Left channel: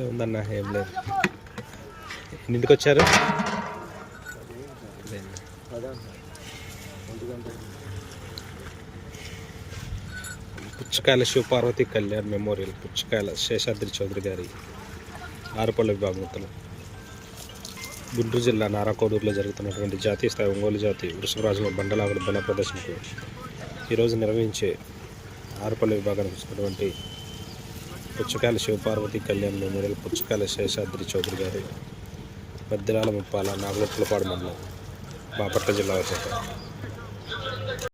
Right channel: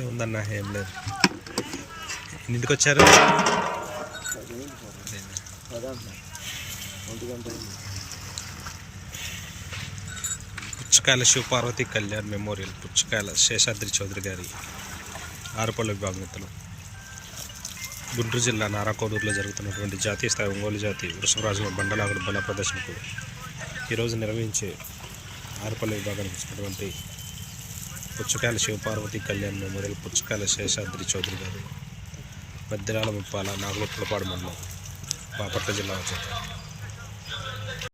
ఏముందన్నా ఏం లేదు. ఇంటికి వచ్చారు? పుచ్చకాయల శివపార్వతి కళ్యాణ్ మెమోరియల్, పుచ్చకాయల శేషాద్రి చౌదరి గారి ఆరుపల్ల విభాగంలో గుంటూరు జిల్లా నారాకోడూరులో జరుగుతున్నటువంటి జాతీయ స్థాయి ఒంగోలు జాతి వృషభరాజుల బండలాగుడు బల ప్రదర్శనకు ఈరోజు నిర్వహించే ఆరుపల్ల విభాగానికి వచ్చినటువంటి పుచ్చకాయల శివపార్వతి కళ్యాణ్ మెమోరియల్, పుచ్చకాయల శేషాద్రి చౌదరి గారు, మధ్యరాల ముప్పాల నాగలపులపాడు మండలం, బాపట్ల జిల్లా వచ్చాక